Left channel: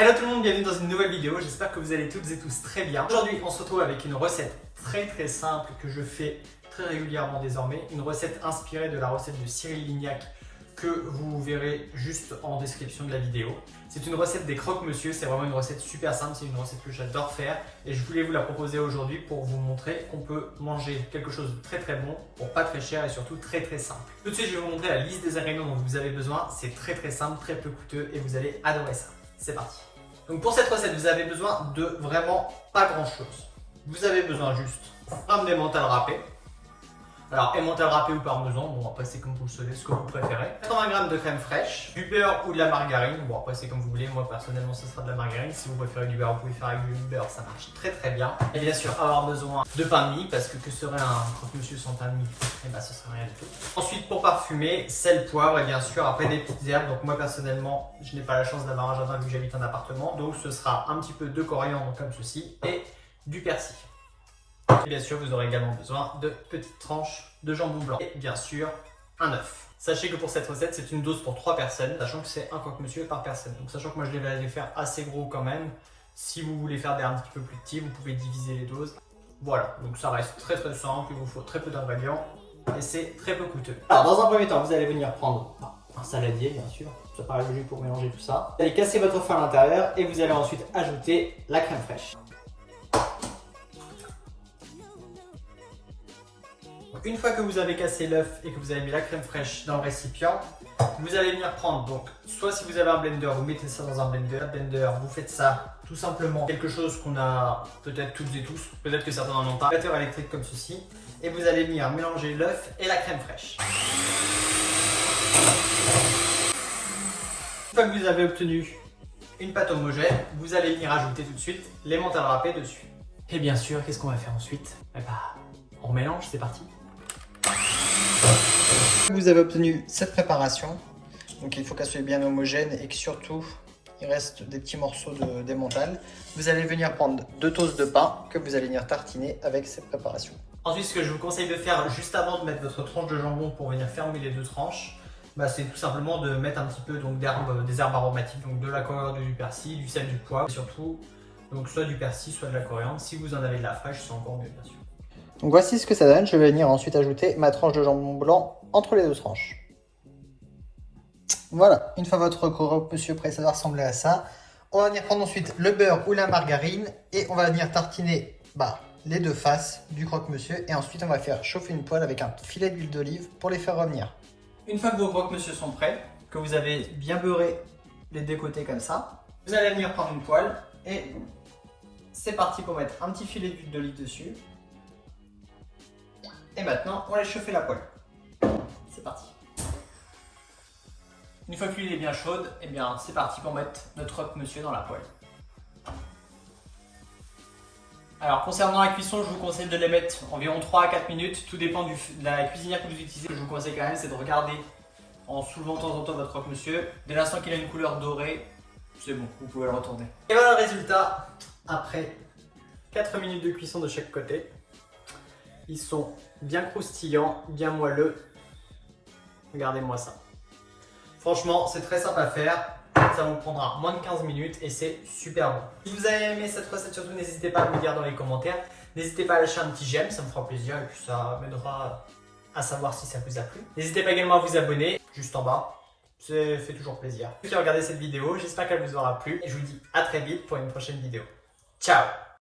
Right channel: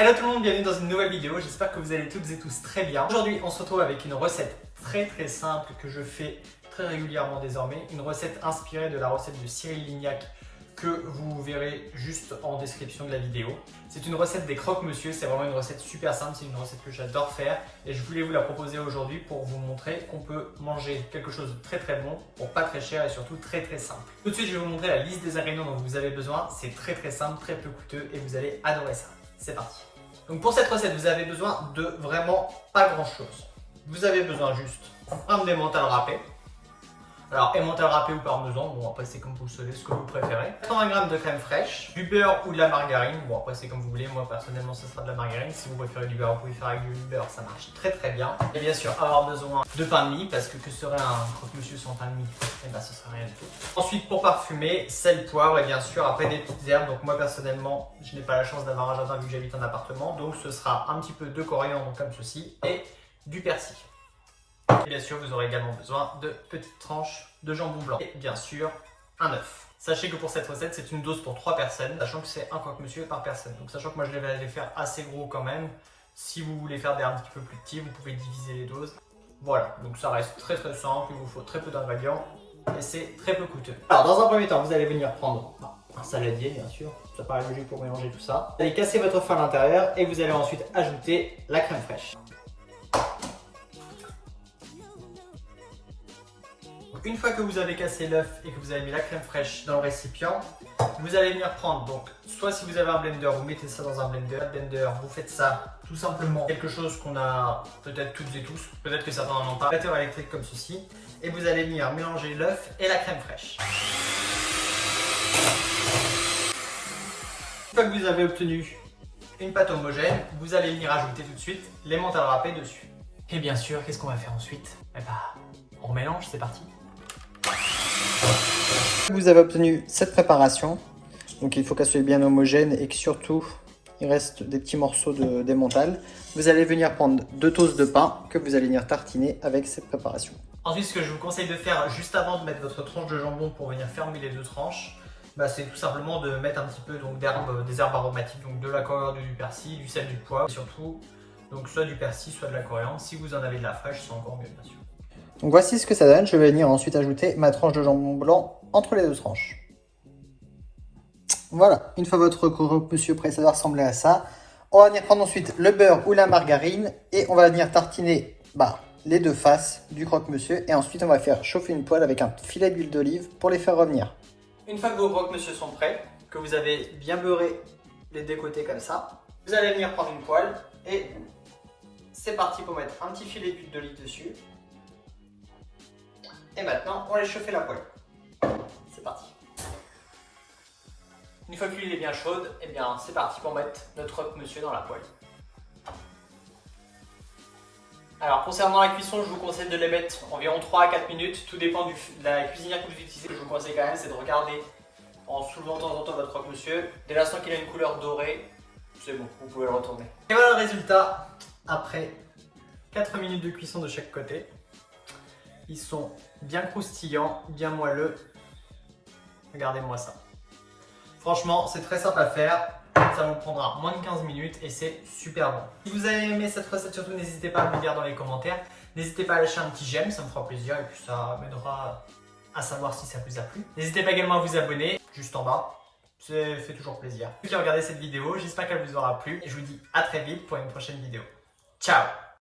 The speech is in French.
Hello tout le monde, bienvenue dans une nouvelle vidéo, j'espère que vous allez toutes et tous très bien. Aujourd'hui on se retrouve avec une recette très simple que je fais très régulièrement désormais. Une recette inspirée de la recette de Cyril Lignac que vous verrez juste en description de la vidéo. C'est une recette des croque-monsieur, c'est vraiment une recette super simple, c'est une recette que j'adore faire et je voulais vous la proposer aujourd'hui pour vous montrer qu'on peut manger quelque chose de très bon pour pas très cher et surtout très simple. Tout de suite je vais vous montrer la liste des ingrédients dont vous avez besoin, c'est très simple, très peu coûteux et vous allez adorer ça. C'est parti. Donc pour cette recette vous avez besoin de vraiment pas grand chose. Vous avez besoin juste un emmental râpé. Alors, emmental râpé ou parmesan, bon après c'est comme vous le savez, ce que vous préférez. 80 g de crème fraîche, du beurre ou de la margarine, bon après c'est comme vous voulez, moi personnellement ce sera de la margarine. Si vous préférez du beurre, vous pouvez faire avec du beurre, ça marche très bien. Et bien sûr avoir besoin de pain de mie, parce que serait un croque-monsieur sans pain de mie? Et bah ce serait rien du tout. Ensuite pour parfumer, sel, poivre et bien sûr après des petites herbes. Donc moi personnellement, je n'ai pas la chance d'avoir un jardin vu que j'habite en appartement, donc ce sera un petit peu de coriandre comme ceci et du persil. Et bien sûr, vous aurez également besoin de petites tranches de jambon blanc et bien sûr un œuf. Sachez que pour cette recette, c'est une dose pour 3 personnes, sachant que c'est un croque-monsieur par personne. Donc sachant que moi je vais les faire assez gros quand même. Si vous voulez faire des un petit peu plus petits, vous pouvez diviser les doses. Voilà, donc ça reste très simple, il vous faut très peu d'ingrédients et c'est très peu coûteux. Alors dans un premier temps, vous allez venir prendre un saladier bien sûr, ça paraît logique pour mélanger tout ça. Vous allez casser votre œuf à l'intérieur et vous allez ensuite ajouter la crème fraîche. Une fois que vous avez cassé l'œuf et que vous avez mis la crème fraîche dans le récipient, vous allez venir prendre, donc soit si vous avez un blender, vous mettez ça dans un blender. Vous faites ça tout simplement quelque chose qu'on a peut-être toutes et tous, peut-être que certains n'en ont pas, batteur électrique comme ceci, et vous allez venir mélanger l'œuf et la crème fraîche. Une fois que vous avez obtenu une pâte homogène, vous allez venir ajouter tout de suite l'emmental râpé dessus. Et bien sûr, qu'est-ce qu'on va faire ensuite? Eh bah, on mélange, c'est parti. Vous avez obtenu cette préparation, donc il faut qu'elle soit bien homogène et que surtout il reste des petits morceaux d'emmental. Vous allez venir prendre 2 toasts de pain que vous allez venir tartiner avec cette préparation. Ensuite, ce que je vous conseille de faire juste avant de mettre votre tranche de jambon pour venir fermer les 2 tranches, c'est tout simplement de mettre un petit peu des herbes aromatiques, donc de la coriandre, du persil, du sel, du poivre, et surtout donc soit du persil, soit de la coriandre. Si vous en avez de la fraîche, c'est encore mieux bien sûr. Donc voici ce que ça donne. Je vais venir ensuite ajouter ma tranche de jambon blanc entre les 2 tranches. Voilà, une fois votre croque-monsieur prêt, ça doit ressembler à ça. On va venir prendre ensuite le beurre ou la margarine et on va venir tartiner les 2 faces du croque-monsieur. Et ensuite, on va faire chauffer une poêle avec un filet d'huile d'olive pour les faire revenir. Une fois que vos croque-monsieur sont prêts, que vous avez bien beurré les 2 côtés comme ça, vous allez venir prendre une poêle et c'est parti pour mettre un petit filet d'huile d'olive dessus. Et maintenant, on va aller chauffer la poêle. C'est parti. Une fois que l'huile est bien chaude, et bien c'est parti pour mettre notre croque-monsieur dans la poêle. Alors concernant la cuisson, je vous conseille de les mettre environ 3 à 4 minutes. Tout dépend de la cuisinière que vous utilisez. Ce que je vous conseille quand même, c'est de regarder en soulevant de temps en temps votre croque-monsieur. Dès l'instant qu'il a une couleur dorée, c'est bon, vous pouvez le retourner. Et voilà le résultat après 4 minutes de cuisson de chaque côté. Ils sont bien croustillants, bien moelleux. Regardez-moi ça. Franchement, c'est très simple à faire. Ça vous prendra moins de 15 minutes et c'est super bon. Si vous avez aimé cette recette, surtout n'hésitez pas à me le dire dans les commentaires. N'hésitez pas à lâcher un petit j'aime, ça me fera plaisir et puis ça m'aidera à savoir si ça vous a plu. N'hésitez pas également à vous abonner, juste en bas. Ça fait toujours plaisir. Ceux qui ont regardé cette vidéo, j'espère qu'elle vous aura plu et je vous dis à très vite pour une prochaine vidéo. Ciao!